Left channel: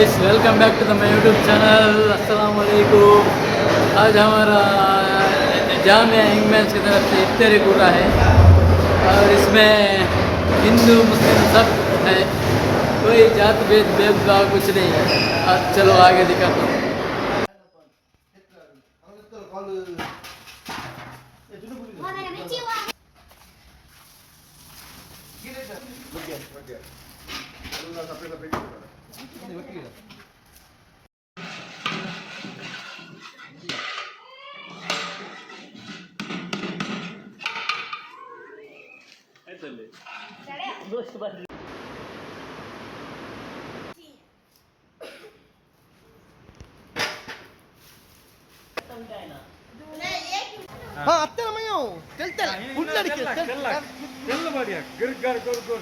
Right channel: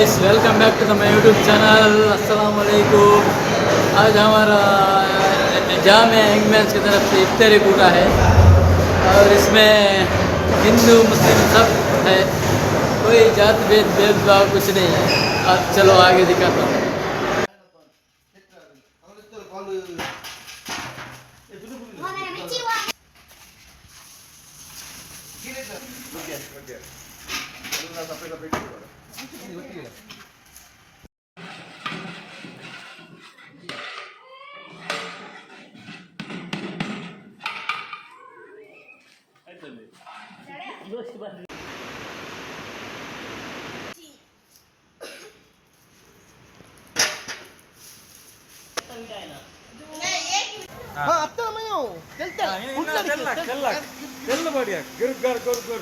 Guys, welcome back to the my YouTube channel. अस्सलाम वालेकुम। आज हमारा जामिया यंगमैन्स की तरफ से इफ्तारी कूटा है और इसमें हिंदू मुस्लिम सब है, कोई जात भेदभाव कुछ नहीं है। अब चलो आगे दिखाता हूँ। हाँ अब तो मैं हूँ चलते फुट लड़के चल बढ़िया गिर गर गुर गुर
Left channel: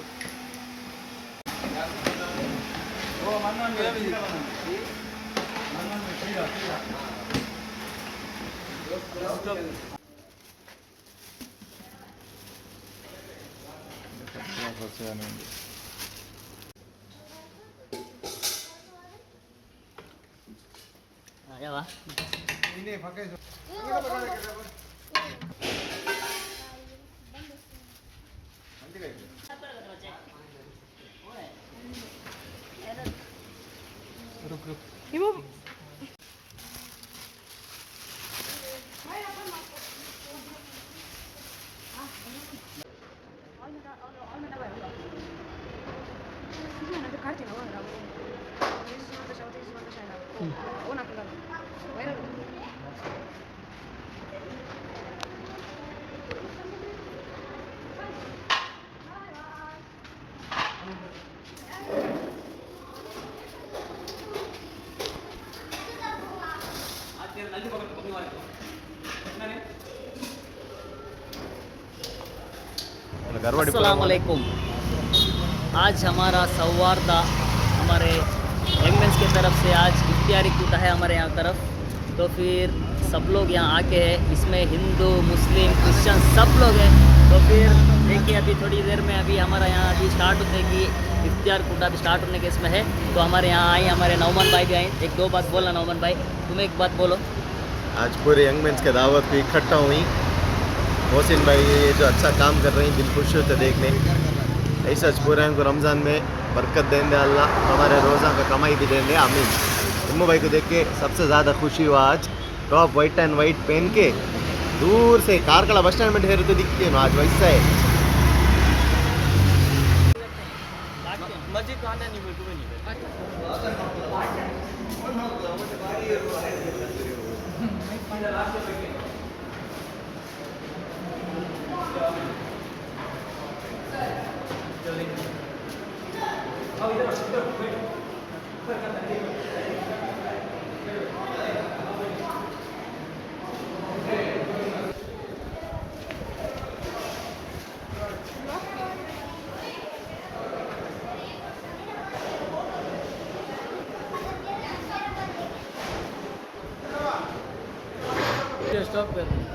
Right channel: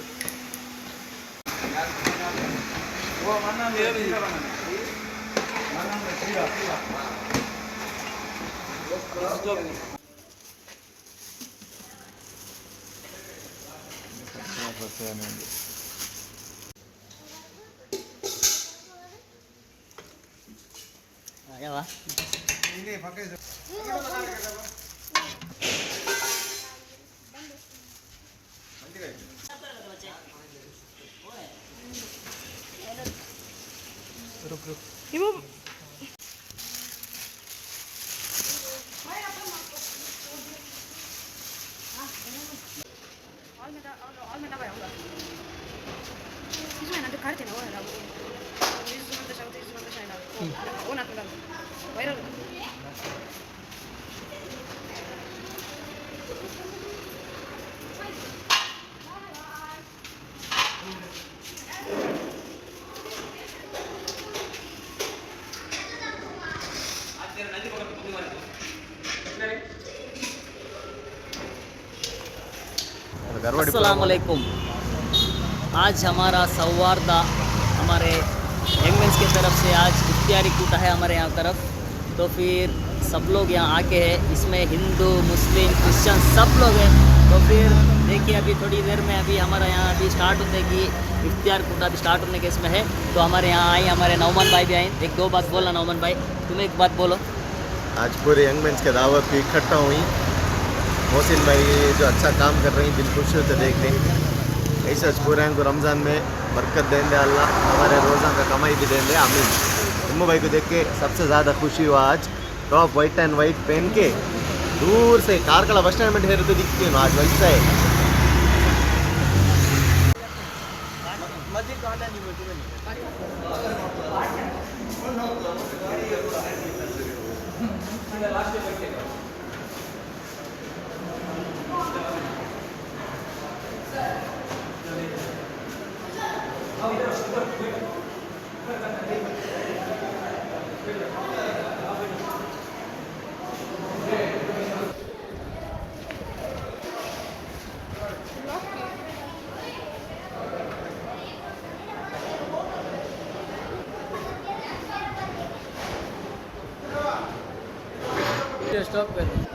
वो मन्ना ले ली मन्ना में सीधा आया वाह ini pakai Ibu अस्सलाम वालेकुम। आज हमारा सौहार्द हमारे यंगमेंस की तरफ से आज इफ्तारी कूटा है हमारे यहाँ तरफ। तो फिर सब लोग यहाँ आके हैं, इसमें हिंदू मुस्लिम क्रिश्चियन सब लोग हैं। तो फिर देखिए अभी थोड़ी देर में अभी हमारा यहाँ अभी स्टार्ट होने की इफ्तार कूटा अभी स्टार्ट होने के इसमें है। तो हमारे यहाँ आए हमारे नौमान भाई भी आए। एक दो बात बोला नौमान भाई, तुम्हें एक बात बोलो। आज पूरे यंगमेंस के दावत की इकट्ठा हुई। मोहसिन भाई जो अच्छा काम कर रही हैं, दिल खुश होते देखने। ऐसा पूरे को रमज़ान में बरकत देंगे अल्लाह, हमारे रोज़ा का कमाई भी देंगे आमीन। इम्मू भाई को देख के सबसे ज़्यादा खुशी हुआ आज। टॉप वाइट एंड वाइट पहन के दूर से कारकला बस स्टैंड में ठहर के दिखती है आज वैसा है। स्टॉप कर रहे हैं।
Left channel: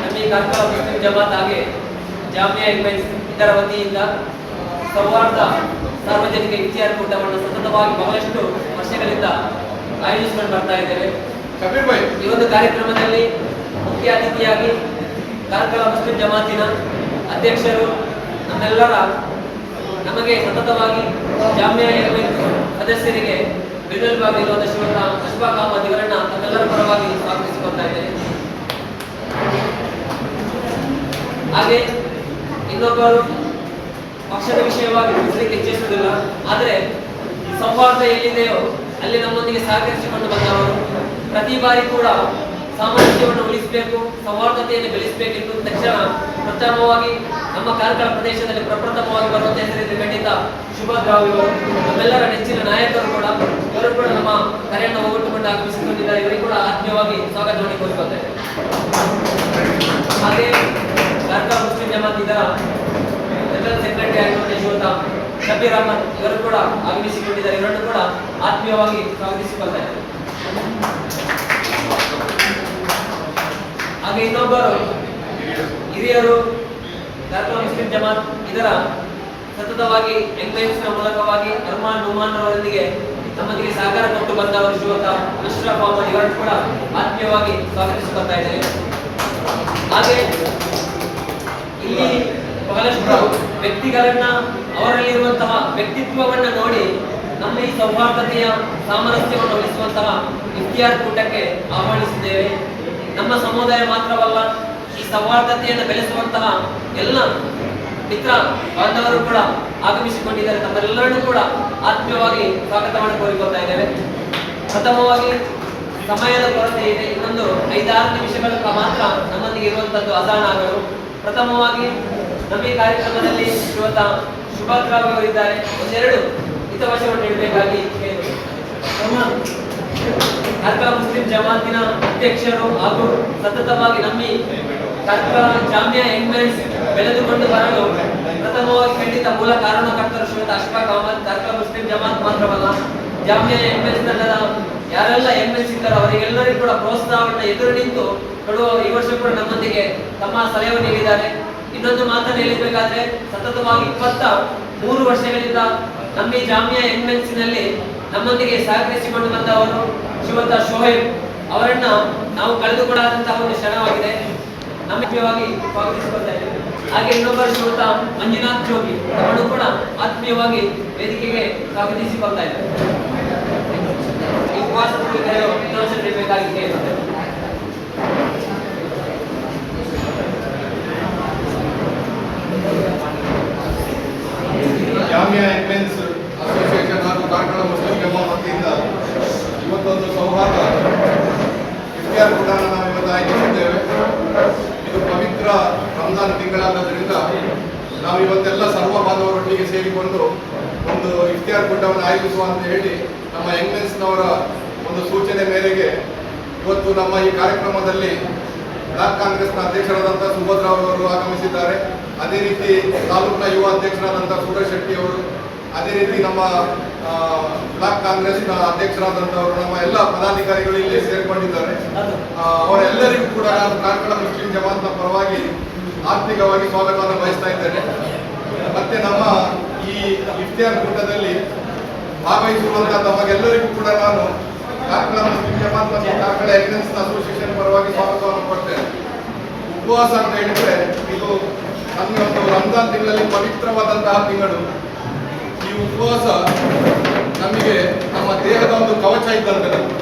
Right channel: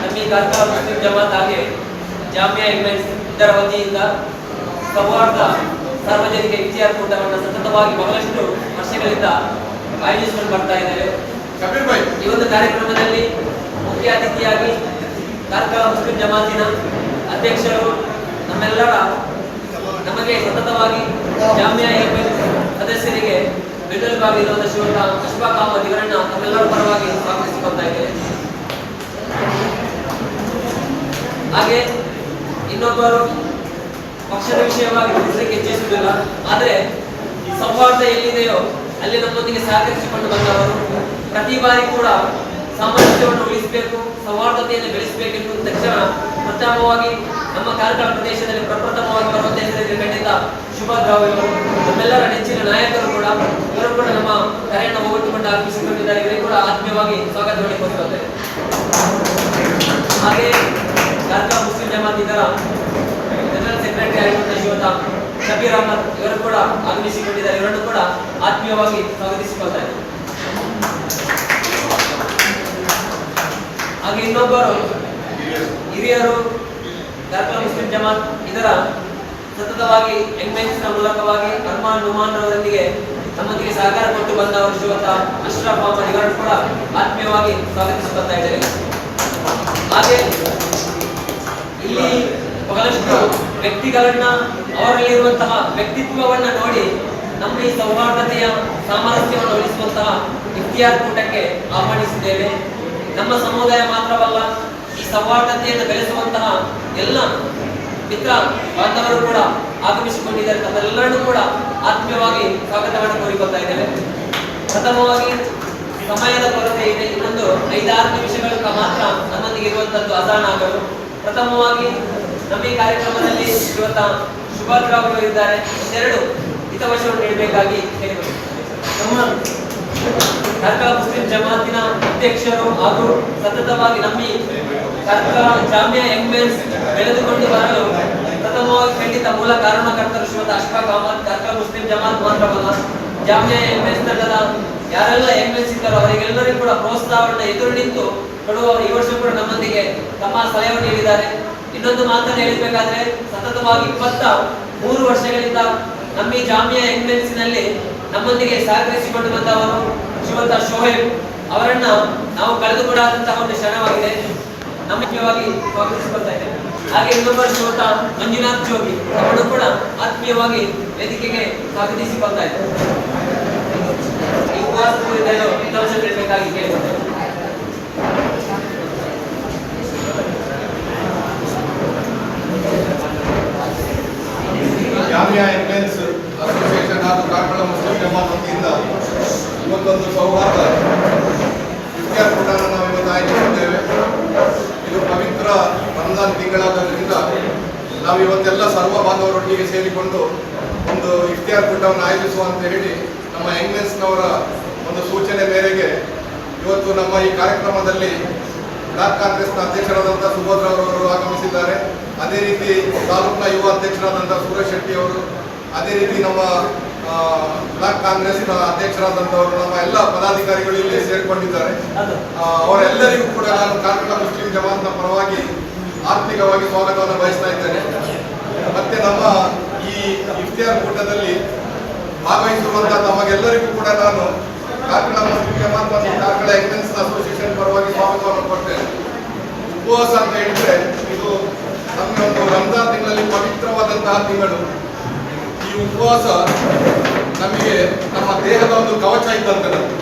ನಮಗೆ ಕರ್ಕಳ ಮುಸ್ಲಿಂ ಜಮಾತ್ ಹಾಗೆ ಜಾಮಿಯಾ ಇದರ ವತಿಯಿಂದ ಸೌಹಾರ್ದ ಸಾರ್ವಜನಿಕ ಇಫ್ತಿಯಾರ್ ಕೂಟವನ್ನು ಸತತವಾಗಿ ಬಹಳಷ್ಟು ವರ್ಷಗಳಿಂದ ಆಯೋಜಿಸಿಕೊಂಡು ಬರ್ತಾ ಇದ್ದೇವೆ. ಈ ಒಂದು ಕಾರ್ಯಕ್ರಮದಲ್ಲಿ ಮುಖ್ಯ ಅತಿಥಿಯಾಗಿ ಕರ್ಕಳ ಮುಸ್ಲಿಂ ಜಮಾತಿನ ಅಧ್ಯಕ್ಷರು ನಮ್ಮೆಲ್ಲರ ನಮಗೆ ಸತತವಾಗಿ ಜಾಮಿಯಾ ಸದಸ್ಯರಿಗೆ ಬೆನ್ನೆಲುಬಾಗಿರುವಂಥ ಶ್ರೀಯುತ ಅಶ್ಫಾಕ್ ಅಹಮದ್ ಇವರನ್ನ ತಮ್ಮೆಲ್ಲರ ಪರವಾಗಿ ಸ್ವಾಗತಿಸಿಕೊಳ್ತಾ ಇದ್ದೇನೆ. ಹಾಗೆ ಇನ್ನೊಬ್ಬರು ಪಕ್ಷದ ವಿಷಯವಾಗಿ ತಿಳಿಸಲಿಕ್ಕೆ ಇಚ್ಛಿಸುವುದಿಲ್ಲ, ಆದರೆ ಸೌಹಾರ್ದ ಎಲ್ಲಿದೆಯೋ ಅಲ್ಲಿ ನಮ್ಮೊಂದಿಗೆ ಸಹಕರಿಸಿಕೊಂಡು ಬಂದವರು ಪ್ರತಿ ಬಾರಿ ಕೂಡ ಸಾಮರಸ್ಯವನ್ನು ಉಳಿಸಬೇಕು, ಸೌಹಾರ್ದತೆಯನ್ನು ಬೆಳೆಸಬೇಕೆಂದು ತಕ್ಷಣ ಪ್ರಥಮವಾಗಿ ನಮ್ಮ ಕಾರ್ಕಳ ಪ್ರದೇಶದಲ್ಲಿ ಪ್ರಪ್ರಥಮವಾಗಿ ಬರುವಂತೆ ಹೆಸರಿದೆ ಖಂಡಿತ ಸುಭಾಷ್ ರಾವ್ ಇವರು, ನಮ್ಮೆಲ್ಲರ ನೆಚ್ಚಿನ ನಾಯಕರು ಕೂಡ, ಇವರು ಕೂಡ ನಮ್ಮ ಕರೆಯನ್ನು ಒಗ್ಗಟ್ಟುಕೊಂಡು ಆಗಮಿಸಿಕೊಂಡಿದ್ದಾರೆ. ಇವರಿಗೆ ಕೂಡ ಆತ್ಮೀಯವಾಗಿ ಸ್ವಾಗತವನ್ನು ಕೋರಿಕೊಳ್ತೇವೆ. ಹಾಗೆ ಕಾರ್ಕಳ ಮುಸ್ಲಿಂ ಜಮಾತ್ ಇದರ ಜನರಲ್ ಸೆಕ್ರೆಟರಿ ಆಗಿರುವಂತಹ ಶ್ರೀಯುತ ಶಬೀರ್ ಅಹಮದ್ ಇವರು ಕೂಡ ಆಗಮಿಸಿಕೊಂಡಿದ್ದಾರೆ. ಇವರನ್ನು ಕೂಡ ಆತ್ಮೀಯವಾಗಿ ಸ್ವಾಗತಿಸಿಕೊಳ್ತಾರೆ. ಹಾಗೆ ಇನ್ನೊಬ್ಬರು ಹಿರಿಯರು ಕಾರ್ಕಳ ಮುಸ್ಲಿಂ ಜಮಾತ್ ಇದರ ಸತತವಾಗಿ ಎಂಗ್ಮೆನ್ಸ್ನ ಮೂಲಕವಾಗಿ ಅರ್ಮಾನ್ ನುಮಾನ್ ಅವರೊಂದಿಗೆ ನಮ್ಮೊಂದಿಗೆ ಸಹಕಾರ ಕೊಟ್ಟು ಬಂದವರು ಶ್ರೀಯುತ ಅಶ್ರಫ್ ಅಹಮದ್ ಇವರನ್ನು ಕೂಡ ಆತ್ಮೀಯವಾಗಿ ಸ್ವಾಗತಿಸಿಕೊಳ್ತಾ ಇದ್ದಾರೆ. ಹಾಗೆ ಇಲ್ಲಿ ಬಹಳಷ್ಟು ವ್ಯಕ್ತಿಗಳನ್ನ ಅವರಲ್ಲಿರುವಂತಹ ವ್ಯಕ್ತಿತ್ವವನ್ನ ನೋಡಿ ನಮ್ಮ ಈ ಸೌಹಾರ್ದತೆಯ ಸಾಮರಸ್ಯವನ್ನು ಉಳಿಸುವಂತಹ ಇಫ್ತಿಯಾರ್ ಕೂಟಕ್ಕೆ ಆಹ್ವಾನಿಸಿದ್ದೇವೆ. ನಮ್ಮ ಸಮುದಾಯ ಮಾತ್ರವಲ್ಲ, ಈ ಸೌಹಾರ್ದತೆಯನ್ನು ಬೆಳೆಸುವಂತಹ ಎಲ್ಲ ಮಿತ್ರ ಬಾಂಧವರು ಕೂಡ ಆಗಮಿಸಿಕೊಂಡಿದ್ದಾರೆ. ನಮ್ಮೆಲ್ಲರನ್ನೂ ಕೂಡ ಆತ್ಮೀಯವಾಗಿ ಸ್ವಾಗತವನ್ನು ಕೋರಿಕೊಳ್ತಾ ಇದ್ದೇವೆ. ಪ್ರಥಮವಾಗಿ ಸಮಯದ ಕೊರತೆ ಇದೆ, ಇನ್ನೊಂದು 5-6 ನಿಮಿಷಗಳ ಮಾತ್ರ ನಮ್ಮೊಂದಿಗೆ ಇರುವಂತದ್ದು ಅಜಾನ್ ಆಗಲು. ಪ್ರಥಮವಾಗಿ ನಮ್ಮ ಈ ಕಾರ್ಯಕ್ರಮದಲ್ಲಿ ಶ್ರೀಯುತ ಸುಭಾಷ್ ರಾವ್ ಅವರಿದ್ದಾರೆ. ಒಂದೆರಡು ಹಿತವಚನವನ್ನು ನೀಡಬೇಕಾಗಿ ಕೇಳಿದರು. ಕಾರ್ಕಳ ಮುಸ್ಲಿಂ ಜಮಾತಿನ ಅಧ್ಯಕ್ಷರು ಹಾಗೂ ಸತತವಾಗಿ ನಮ್ಮ ಕಾರ್ಕಳ ಜಾಮಿಯಾ ಎಂಗ್ಮೆನ್ಸ್ ಬೆಳೆದುಕೊಂಡು ಬರಲು ಪ್ರಥಮವಾಗಿ ಖಂಡಿತ ಮೂಲ ಕಾರಣಕರ್ತರು ಶ್ರೀಯುತ ಅಶ್ಫಾಕ್ ಅಹಮದ್. ಕಾರ್ಕಳ ಮುಸ್ಲಿಂ ಜಮಾತ್ ಮಾತ್ರವಲ್ಲ, ಜಾಮಿಯಾ ಎಂಗ್ಮೆನ್ಸ್ ತಂಡದ ಯಾರೆಲ್ಲ ಎಂಗ್ಮೆನ್ಸ್ ಇದ್ದಾರೋ ಅವರಿಗೆಲ್ಲರಿಗೂ ಕೂಡ ಪ್ರೋತ್ಸಾಹವನ್ನು ಎದುರು ನಿಂತು ಕೊಡುವ ಈ ವರ್ಷ ಕೂಡ ನಮ್ಮೊಂದಿಗೆ ತಮ್ಮ ಸಲಹೆಯನ್ನು ನೀಡಿದ್ದಾರೆ. ಇನ್ನೊಂದು ಮಾತನ್ನು ಹೇಳಬೇಕಾದ್ರೆ, ಸತತವಾಗಿ 23 ವರ್ಷಗಳಿಂದ ನಮ್ಮ ಈ ಜಾಮಿಯಾ ಎಂಗ್ಮೆನ್ಸ್ನಲ್ಲಿ ನಮ್ಮೊಂದಿಗೆ ಸಹಕರಿಸಿಕೊಂಡು ಬಂದವರು ಶ್ರೀಯುತ ಶೋಹೇಬ್ ಅವರನ್ನ ನಾವು ಕಳೆದುಕೊಳ್ಳಾದಂತಹ ಒಂದು ಕ್ಷಣವಾಗಿದೆ. ನಮ್ಮವಾಗಿ ಸ್ವಾಗತಿಸಿಕೊಳ್ತಾ ಇದ್ದೇವೆ. ಹಾಗೆ ಇನ್ನೊಬ್ಬರು ಶ್ರೀಯುತ ಮಂಜುನಾಥ್ ಜೋಗಿ ಅವರು ಕೂಡ ಆತ್ಮೀಯವಾಗಿ ವೇದಿಕೆಗೆ ಸ್ವಾಗತಿಸಿಕೊಳ್ತಾ ಇದ್ದಾರೆ. ಈ ಉಪವಾಸ ವಿಧಾಂಶ ನೀಡಬೇಕಾಗಿ ಕೇಳಿಕೊಳ್ತೇವೆ. ಜಾಮಿಯಾ ಎಂಗ್ಮೆನ್ಸ್ ಅಸೋಸಿಯೇಷನ್ ಹಾಗೂ ಕಾರ್ಕಳ ಮುಸ್ಲಿಂ ಜಮಾತ್ ವತಿಯಿಂದ ಇವತ್ತೊಂದು ಸೌಹಾರ್ದ ಇಫ್ತಿಯಾರ್ ಕೂಟವನ್ನು ನಾವು ಇವತ್ತು ಆಯೋಜಿಸಿದ್ದೇವೆ. ಇದು ಪವಿತ್ರ ರಂಜಾನ್ ತಿಂಗಳಾಗೋದ್ರಿಂದ ನಾವು ಇವತ್ತೆಲ್ಲ ಸರ್ವ ಬಾಂಧವರೊಟ್ಟಿಗೆ ಸೇರಿಕೊಂಡು ಒಂದು ಇಫ್ತಿಯಾರ್ ಕೂಟವನ್ನು ಆಯೋಜಿಸುವ ಅಂತ ಹೇಳಿ ನಮ್ಮ ಎಂಗ್ಮೆನ್ಸ್ನವರ ಒಂದು ಸೂಚನೆ ಮೇರೆಗೆ ಇವತ್ತು ನಮ್ಮ ಈ ಕಾರ್ಯಕ್ರಮದಲ್ಲಿ ಬ್ಲಾಕ್ ಕಾಂಗ್ರೆಸ್ನ ಅಧ್ಯಕ್ಷರಾದಂಥ ಸುಭದ್ರಾವ್ ಅವರು ಆಗಮಿಸಿದ್ದಾರೆ. ಅದೇ ರೀತಿ ತಾಲೂಕಿನ ಯುವ ಅಧ್ಯಕ್ಷರಾದಂಥ ಸುರೇಶ್ ಶೆಟ್ಟಿ ಅವರು, ಅದೇ ರೀತಿ ನಮ್ಮ ಬ್ಲಾಕ್ ಕಾಂಗ್ರೆಸ್ನ ಅಧ್ಯಕ್ಷರಾದಂಥವರು, ನಮ್ಮ ಎಲ್ಲ ಪದಾಧಿಕಾರಿಗಳು ಇಲ್ಲಿ ಸೇರಿಕೊಂಡಿದ್ದಾರೆ. ಅವರೆಲ್ಲರಿಗೂ ಕೂಡ ನಾನು ಕಾರ್ಕಳ ಮುಸ್ಲಿಂ ಜಮಾತ್ನ ಪರವಾಗಿ ಆರ್ಥಿಕವಾಗಿ ಸ್ವಾಗತವನ್ನು ಬಯಸ್ತಾ ಇದ್ದೇನೆ. ಮತ್ತೆ ನಮ್ಮ ಈ ಇಫ್ತಿಯಾರ್ ಕೂಟದಲ್ಲಿ ಭಾಗವಹಿಸಿರುವಂಥ ತಮಗೆಲ್ಲರಿಗೂ ಕೂಡ ನಾನು ಕಾರ್ಕಳ ಮುಸ್ಲಿಂ ಜಮಾತ್ ಮತ್ತು ಕಾರ್ಕಳ ಎಂಗ್ಮೆನ್ಸ್ ಅಸೋಸಿಯೇಷನ್ ಪರವಾಗಿ ಸ್ವಾಗತವನ್ನು ಕೊಡ್ತೇನೆ. ಉಪವಾಸ ಅಂತ ಹೇಳಿದ್ರೆ ಇದು ನಮಗೆ ಒಂದು ರಂಜಾನ್ ತಿಂಗಳಲ್ಲಿ ಪವಿತ್ರವಾದಂತಹ ತಿಂಗಳು. ಈ ಉಪವಾಸ ನಮಗೆ ನಮ್ಮ ದೇಹದ ಒಂದು ಕವಚ ಇದ್ದಂತೆ ನಮಗೆ.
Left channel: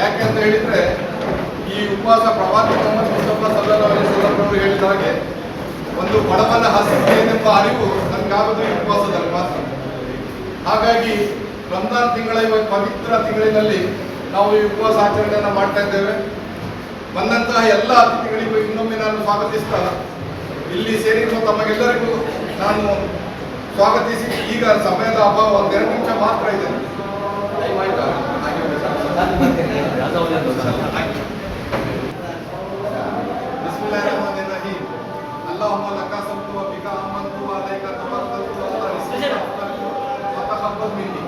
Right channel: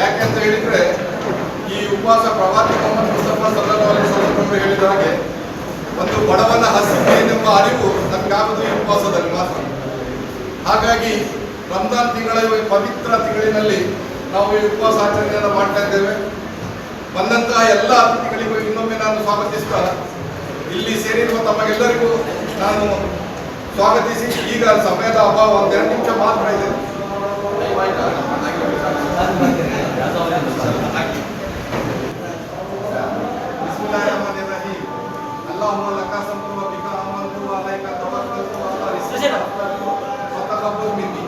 ಯಾಕೆ ಅಂತ ಹೇಳಿದ್ರೆ ಈ ಉಪವಾಸ ಪ್ರವಾದಿ ಮೊಹಮ್ಮದ್ ಮುಸ್ತಫಾ ಸಲ್ಲಲ್ಲಾಹು ಅಲೈಹಿ ವಸಲ್ಲಂ ಅವರು ಹೇಳಿದ ಹಾಗೆ ಒಂದು ಬಡವನ ಹಸಿವೆನೆಂಬ ಅರಿವು ನಮಗಾಗೋದು ಈ ಉಪವಾಸದಲ್ಲಿ ಮಾತ್ರ. ಹಾಗಾಗಿ ರಂಜಾನ್ ತಿಂಗಳ ಪವಿತ್ರ ತಿಂಗಳಿನಲ್ಲಿ ನಾವು ಈ ಉಪವಾಸ ಆಚರಣೆಯನ್ನು ಮಾಡ್ತಾ ಇದ್ದೇವೆ. ಬಂದಂತಹ ಎಲ್ಲ ಅತಿಥಿಗಳಿಗೂ ಇನ್ನೊಮ್ಮೆ ನಾನು ಸ್ವಾಗತಿಸ್ತಾ ಇಲ್ಲಿ ಸೇರಿರುವ ತಮಗೆಲ್ಲರಿಗೂ ನಾನು ಸ್ವಾಗತಿಸಿ, ಈಗ ಸಮಯದ ಅಭಾವ 1-2 ನಿಮಿಷ ಮಾತ್ರ ಇದೆ. ಆಯ್ತಾ? اللهم لك صمت وبك آمنت وعليك توكلت وعلى رزقك فتقبل مني.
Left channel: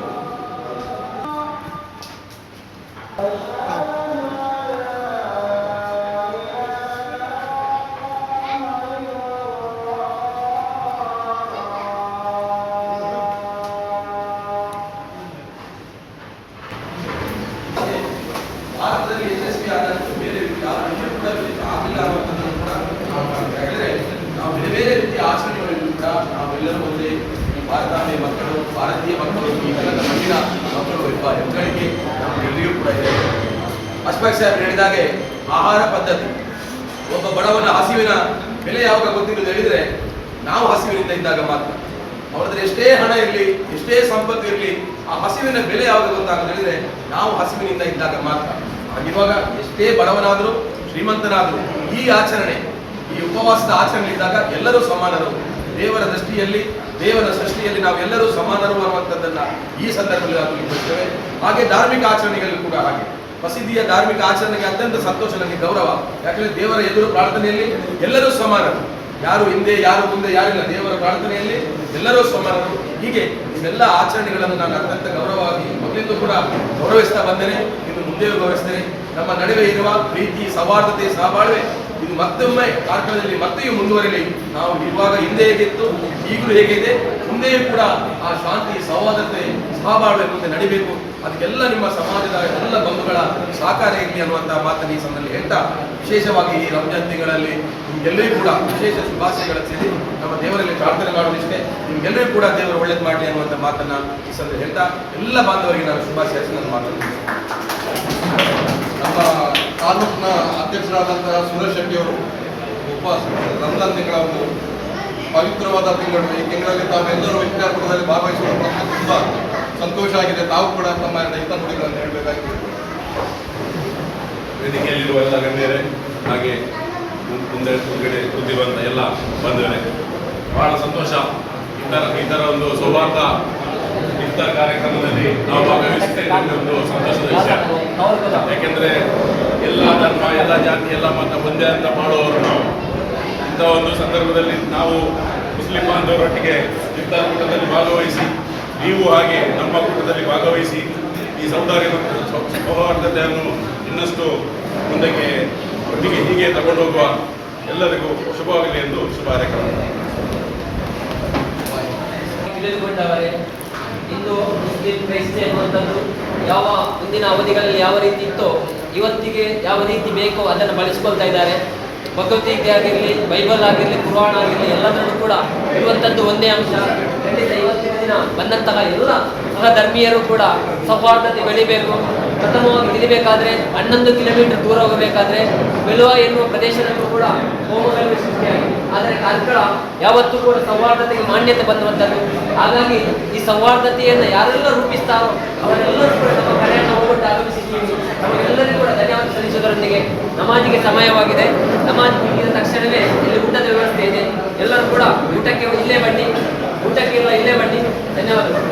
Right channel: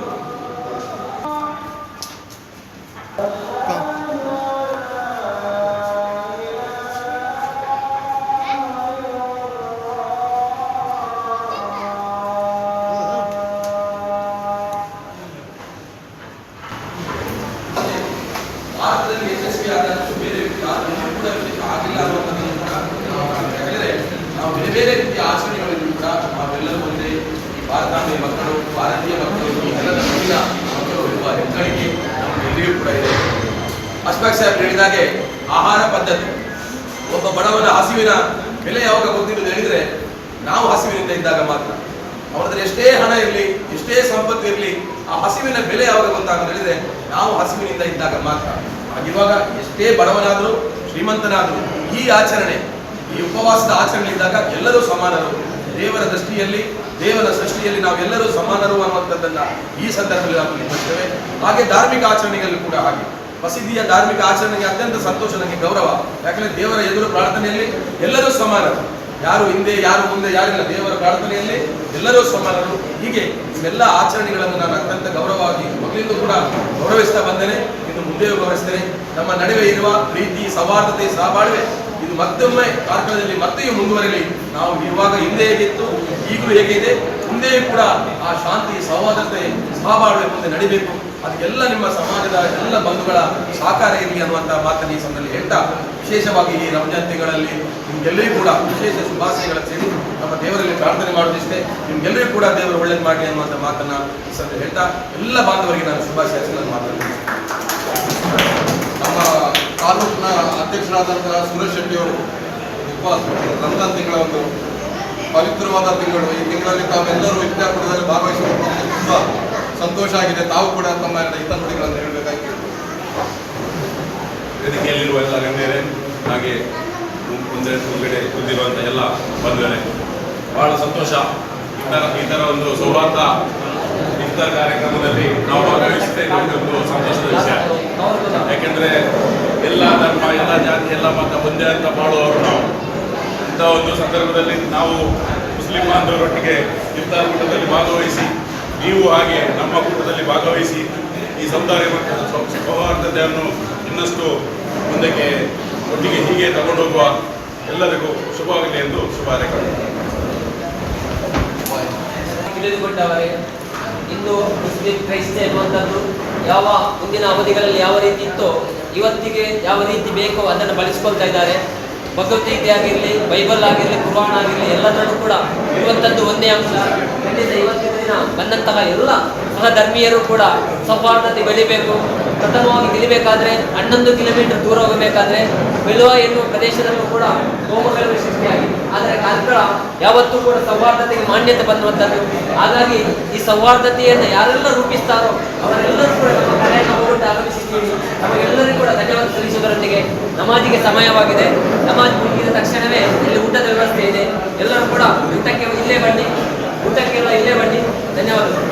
ಭಾರತದಲ್ಲಿ ಯಶಸ್ವಿ ಆದಷ್ಟು ಬೇರೆ ಯಾರು ಕೂಡ ಆಗಿಲ್ಲ ಅನ್ನೋದನ್ನು ಕೂಡ ನಾವು ಯಾಕಂದರೆ ನಾವು ಬೇರೆ ಬೇರೆ ರೀತಿಯ ಆಚರಣೆಗಳಿಂದ ಕೂಡ ನಾವೆಲ್ಲರೂ ಒಂದೇ ಈ ಭಾರತೀಯ ಮಕ್ಕಳು ಈ ನೆಲದ ಮಣ್ಣಿನ ಮಕ್ಕಳು ಎಂಬ ಹೆಗ್ಗಳಿಕೆ ನಮಗೆಲ್ಲರಿಗೂ ಕೂಡ ಇದೆ. ಅಶ್ಫಾಕ್ ಸಾಹೇಬ್ ಹೇಳಿದಾಗೆ ಆಹಾರ ಪದ್ಧತಿ, ಒಬ್ಬ ಬಡವನ ಹಸಿವಿನ ಬೆಲೆ ಯಾವಾಗ ಗೊತ್ತಿರೋದು ಹೇಳಿದ್ರೆ ನಾವು ಹಸಿವಿನಿಂದ ಇದ್ದಾಗ ಮಾತ್ರ. ಅವರ ಹತ್ರ ಎಷ್ಟೇ ಹಣ ಇರಲಿ, ಎಷ್ಟೇ ಸಂಪತ್ತು ಇರಲಿ, ಆ ಹಸಿವಿನ ಬೆಲೆ ಯಾವಾಗ ಗೊತ್ತಾಗೋದು ಹೇಳಿದ್ರೆ ನಾವು ಹಸಿವಿನಿಂದ ಇದ್ದಾಗ ಮಾತ್ರ. ಹಾಗಿರುವಾಗ ಎಷ್ಟೇ ಬಡವನಾದರೂ ಶ್ರೀಮಂತನಾದರೂ ಈ ಆಚರಣೆ, ಈ ಉಪವಾಸದ ಆಚರಣೆಯಿದ್ದಾಗ ಎಲ್ಲರೂ ಸಮಾನರು. ದೇವರ ದೃಷ್ಟಿಯಲ್ಲಿ, ದೇವರ ಸೃಷ್ಟಿಯಲ್ಲಿ ನಾವೆಲ್ಲರೂ ಸಮಾನರು ಅನ್ನುವಂಥದ್ದನ್ನ ಈ ಸಂದರ್ಭದಲ್ಲಿ ನಾವು ಬರ್ತೇವೆ. ಹಾಗೆ ಧಾರ್ಮಿಕ ಆಚರಣೆಗಳು ಕೂಡ ಹಾಗೆ. ಮಸೀದಿಯ ಧಾರ್ಮಿಕ ಆಚರಣೆಗೆ ಅತ್ಯಂತ ಸಂತೋಷ, ನನಗೆ ಗೌರವ. ಯಾಕಂದ್ರೆ ದೇವರ ಎದುರು ಪ್ರಾರ್ಥನೆಯಲ್ಲಿ ಎಲ್ಲರೂ ಸಮಾನರು, ಯಾರು ಹಿಂದೆ ಯಾರು ಮುಂದೆ ಯಾರಿಲ್ಲ. ದೇವರ ಪ್ರಾರ್ಥನೆಯಲ್ಲಿ ಎಲ್ಲರೂ ಸಮಾನರು. ಹೀಗೆ ಇವೆಲ್ಲ ಆಚರಣೆಗಳನ್ನು ನಾನು ಅತ್ಯಂತ ಗೌರವವಾಗಿ ಮೊದಲಿಂದ ಕೂಡ ಗೌರವಿಸ್ತಾ ಬಂದೇನೆ, ಇನ್ನು ಮುಂದೆಯೂ ಗೌರವಿಸ್ತೇನೆ. ನಮ್ಮ ನಡುವೆ ಇರುವ ಪ್ರೀತಿ, ಸೌಹಾರ್ದತೆ, ಸಹಬಾಳ್ವೆ ಇದು ಮತ್ತೊಮ್ಮೆ ಕಾರ್ಕಳದಲ್ಲಿ ಮತ್ತೆಯೂ ಮುಂದುವರಿಲಿ. ನಾವು ಇರುವಾಗ ಹಿಂದೆ ಹೇಗಿತ್ತು, ಈಗಲೂ ಹೇಗಿದೆ, ಮುಂದೆಯೂ ಕೂಡ ಆ ಶಾಂತಿ, ಸೌಹಾರ್ದತೆ, ಸಹಬಾಳ್ವೆ ಮುಂದೆ ನಡಿಬೇಕು. ಅದಕ್ಕೆಲ್ಲ ನಿಮ್ಮ ಸಮಾಜದ ಎಲ್ಲ ಬಂಧುಗಳ ಸಹಕಾರ ಇರಲಿ ಅನ್ನುವಂತಹ ಮಾತನ್ನು ಈ ಸಂದರ್ಭದಲ್ಲಿ ಹೇಳ್ತಾ, ವಿಶೇಷವಾಗಿ ಈ ರಂಜಾನ್ ತಿಂಗಳಲ್ಲಿ ನಿಮ್ಗೆಲ್ಲರಿಗೂ ಕೂಡ ವಿಶೇಷ ಶುಭಾಶಯಗಳ ಸೇರಿ ನಮ್ಮ ದೇವರಲ್ಲಿ ಪ್ರಾರ್ಥನೆ ಮಾಡೋದಿಷ್ಟೇ. ನಿಮ್ಗೆಲ್ಲರಿಗೂ ಕೂಡ ದೇವರು ಒಳ್ಳೇದು ಮಾಡಲಿ ಅನ್ನುವಂಥ ಮಾತನ್ನ ಈ ಸಂದರ್ಭದಲ್ಲಿ ಹೇಳ್ತಾ ಎಲ್ಲ ಬಾಂಧವರಿಗೆ ನಾನು ಶುಭಾಶಯ ನನ್ನ ಮಾತನ್ನು. ನಮ್ಮ ತಾಲೂಕಿನ ಅಧ್ಯಕ್ಷರಾದಂತಹ ಸುರೇಶ್ ಶೆಟ್ಟಿ ಅವರು ರಂಜಾನ್ ತಿಂಗಳ ಒಂದು ಪವಿತ್ರವಾದ ತಿಂಗಳು. ಈ ತಿಂಗಳಲ್ಲಿ ತಾವೆಲ್ಲರೂ ಇಫ್ತಾರ್ ಕೂಟದಲ್ಲಿ ಭಾಗವಹಿಸುವ ತುಂಬ ಸಂತೋಷ ಆಗಿದೆ. ತಾವು ಕೂಡ ತಮ್ಮ ಹಿತನುಡಿಗಳನ್ನು ಹೇಳಬೇಕಾಗಿದೆ. ವೇದಿಕೆಯಲ್ಲಿರುವ ಎಲ್ಲ ಗಣ್ಯರೇ, ಹಾಗೆ ಮುಂದ್ಗಡೆ ಕೂತಿರುವಂಥ ಎಲ್ಲ ಬಂಧುಗಳೇ, ಬಹಳ ಸಂತೋಷ. ಈ ಥರ ಒಂದು ಸೌಹಾರ್ದ ಇಫ್ತಾರ್ ಕಾರ್ಯಕ್ರಮದಲ್ಲಿ ನಾವು ಭಾಗವಹಿಸುತ್ತೆ ಒಂದು ಸಂತೋಷದ ವಿಷಯ. ಯಾಕೆಂದರೆ ಎಲ್ಲ ಧರ್ಮ, ಎಲ್ಲ ಜಾತಿ, ಎಲ್ಲ ಮತ ಒಂದೇ ಅಂತ ಮಾಡುವವರು ನಾವು. ಇಂಥ ಒಂದು ಸಂದರ್ಭದಲ್ಲಿ ನಾವು ಮುಸ್ಲಿಂ ಬಾಂಧವರೊಟ್ಟಿಗೆ ಇಫ್ತಾರ್ ಕೂಟದಲ್ಲಿ ಭಾಗವಹಿಸಿ, ನೀವು ಹಾಗೆ ನಮ್ಮ ಕೂಟದಲ್ಲಿ ಭಾಗವಹಿಸಿ ಈ ಸೌಹಾರ್ದ ಮತ್ತು ಸೌಹಾರ್ದತೆಯನ್ನು ಇನ್ನಷ್ಟು ಮುಂದಕ್ಕೆ ಒಟ್ಟಿಗೆ ಹೀಗೆ ತಗೊಂಡೋಗುವ ಎಲ್ಲರಿಗೂ ಶುಭವಾಗಲಿ ಎಂದು ಶುಭ ಹಾರೈಕೆ. ತಿಳಿದುಕೊಂಡವರೇ, ಇಂದು ಮುಸ್ಲಿಂ ಕ್ರೈಸ್ತ ಎನ್ನುವಂಥದ್ದು ಯಾವ ಮುಂದಿನ ಅವಧಿಗಳಲ್ಲಿ ಯಾವ ರೀತಿ ಇತ್ತೋ ಇವತ್ತಿಗೆ ಯಾವ ರೀತಿ ಬೇಕೋ ಅದನ್ನು ಬಳಸ್ಕೊಳ್ತಾ ಇದ್ದಾರೆ. ಭಗವದ್ಗೀತೆ ಆಗಿರಲಿ, ಬೈಬಲ್ ಆಗಿರಲಿ, ಕುರಾನ್ ಆಗಿರಲಿ, ಎಲ್ಲದರಲ್ಲೂ ಕೂಡ ಇರುವಂಥದ್ದು ಒಂದೇ ಅಂಶ. ಖಂಡಿತ ಇವತ್ತಿನ ದಿನ ಬಂದಂತಹ ಎಲ್ಲ ಸಹಧರ್ಮೀಯರು ಕೂಡ ಸೌಹಾರ್ದತೆ ಬೆಳಿಬೇಕು. ಪ್ರಥಮವಾಗಿ ನಿಲ್ಲಬೇಕಾದ್ರೆ 11 ಕಿಲೋಮೀಟರ್ ದೂರ ಹೋಗಬೇಕಾದ್ರೆ ಬೆಲುವ ಎನ್ನುವ ಪ್ರದೇಶದಲ್ಲೂ ಕೂಡ ಹೋಮಗಲಭೆ ಸೃಷ್ಟಿಯಾಗಿದೆ. ಆದರೆ ಕಾರ್ಕಳ ಯಾವತ್ತೂ ಕೂಡ ಸೌಹಾರ್ದತೆಗೆ ಮಾನ್ಯತೆ ಬಂದುವಂಥದ್ದು. ಹಾಗಾಗಿ ಈ ಸೌಹಾರ್ದತೆಯನ್ನು ಯಾರೆಲ್ಲ ರೂಪಿಸ್ತಾರೋ ಅವರೆಲ್ಲರೂ ಕೂಡ ನಮ್ಮ ಕರೆಯನ್ನು ಹೋಗೊಟ್ಟು ಆಗಮಿಸಿದ್ದೀವಿ. ನಮಗೆಲ್ಲರಿಗೂ ಕೂಡ ಧನ್ಯವಾದ ಸಲ್ಲಿಸುವುದರೊಂದಿಗೆ ನಮಾಜಿಗೆ ಸಮಯವಾಗಿದೆ. ನಮಾಜ್ ಮುಗಿದ ತಕ್ಷಣವೇ ಇಲ್ಲಿ ಊಟದ ವ್ಯವಸ್ಥೆ ಇದೆ. ಎಲ್ಲರೂ ಕೂಡ ಊಟಕ್ಕೆ ಇಲ್ಲೇ ಬನ್ನಿ, ಊಟಕ್ಕೆ ಇಲ್ಲೇ ಬನ್ನಿ. ಧನ್ಯವಾದಗಳು.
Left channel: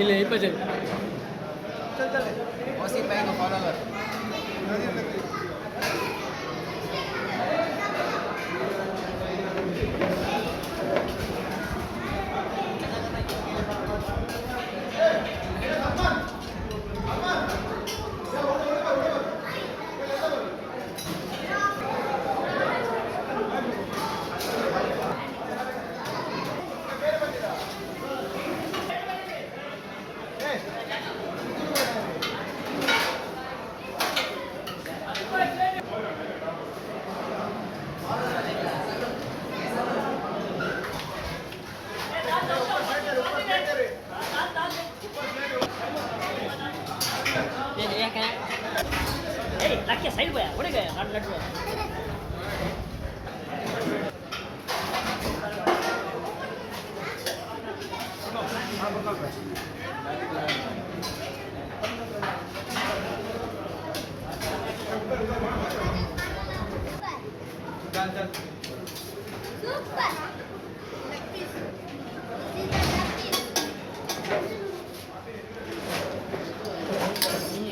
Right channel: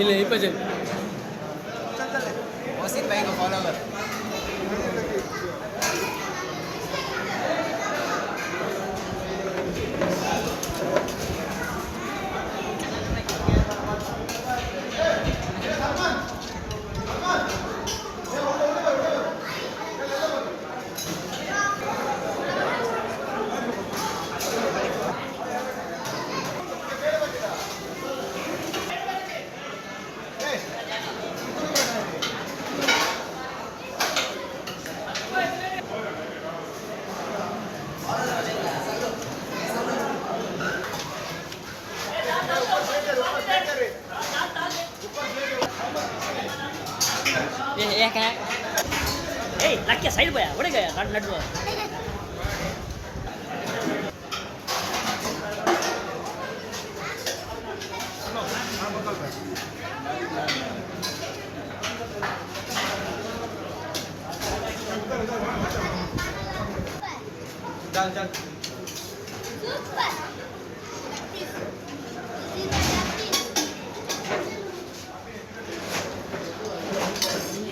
ಇಲ್ಲಿ 20 मोहसिन भाई को फॉलो कर ये क्या है ए लग के साइड पे उड़ गया लड्डू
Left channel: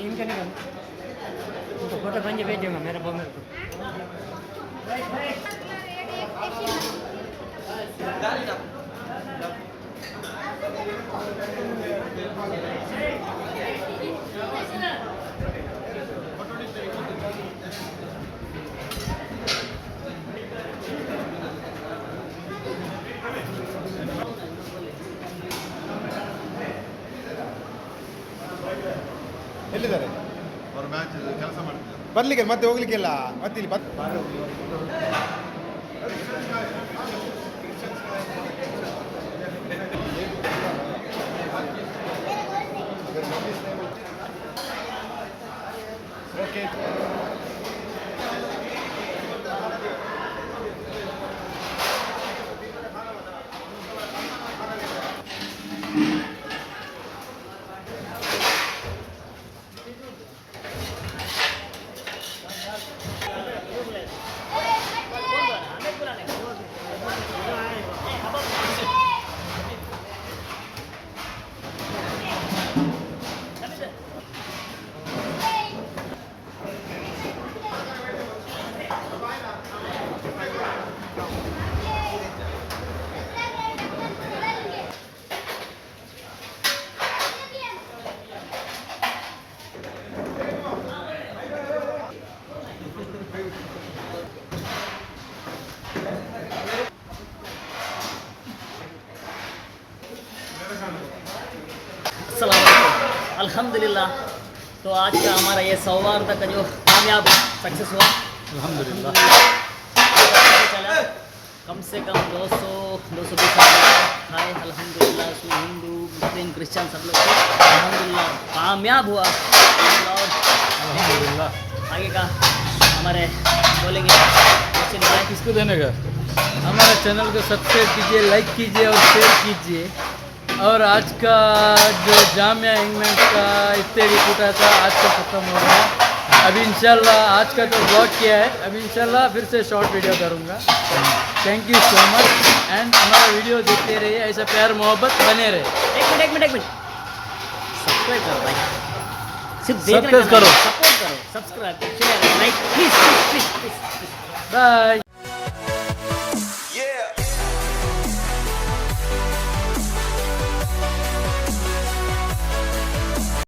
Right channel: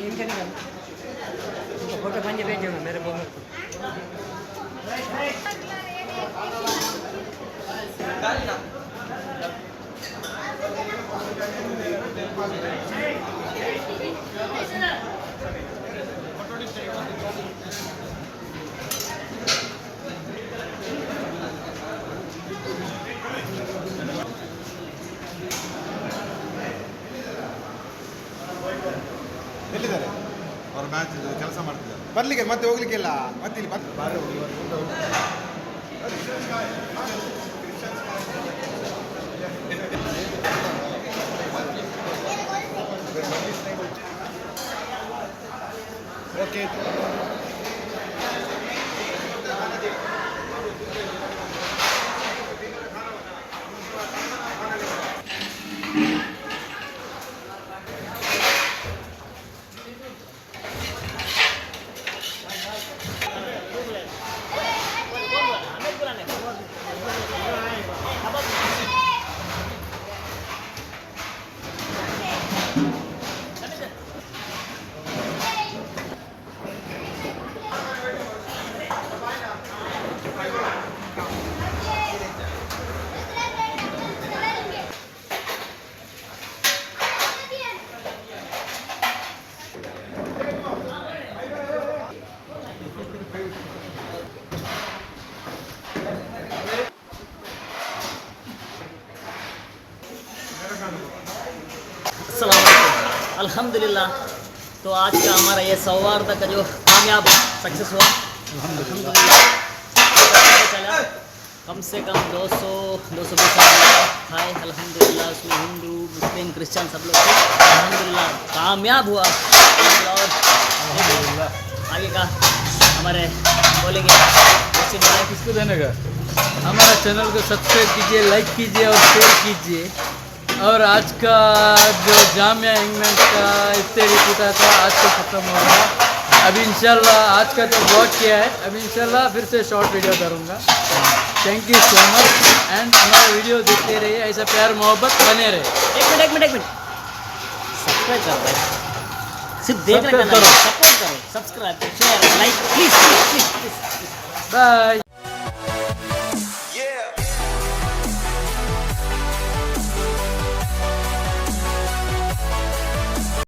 इनका निकल इनको फोटो खींच भेज देना मेरे को ಎಲ್ಲಿದ್ದಾರೆ ಬರ್ಲಿಕ್ಕೆ ಮತ್ತೆ ಹೋಗ್ಲಿಕ್ಕೆಲ್ಲ ಮತ್ತೆ ಇಲ್ಲಿ ಓಕೆ अस्सलाम वालेकुम अल्हम्दुलिल्लाह। तो आज का हमारा ये सौहार्द का जो कामयाब सक्सेस हुआ अल्हम्दुलिल्लाह चला कम से कम 200-220 खाए अल्हम्दुलिल्लाह। उसमें हिंदू मुस्लिम क्रिश्चियन सब लोग थे अल्हम्दुलिल्लाह कामयाब हुआ और अल्हम्दुलिल्लाह। आगे का हमारे बोलेंगे किसको देने का हमारा चैनल को सब्सक्राइब कीजिए, लाइक कीजिए और शेयर कीजिए। और आज का जो जामिया इंग्लैंड का इफ्तारी टूटा था आज का ख़त्म हो गया। अब इंशाल्लाह आज का तो ब्लॉग किया है, अब इंशाल्लाह फिर से शॉर्ट वीडियो करूँगा। Thank you so much and हमारा वीडियो देखते रहिए, ऐसा प्यार मोहब्बत बने रहे। एक मिनट सब्सक्राइब करो भाई, सिर्फ देखने का करो, सपोर्ट करो, subscribe share like please. Bye.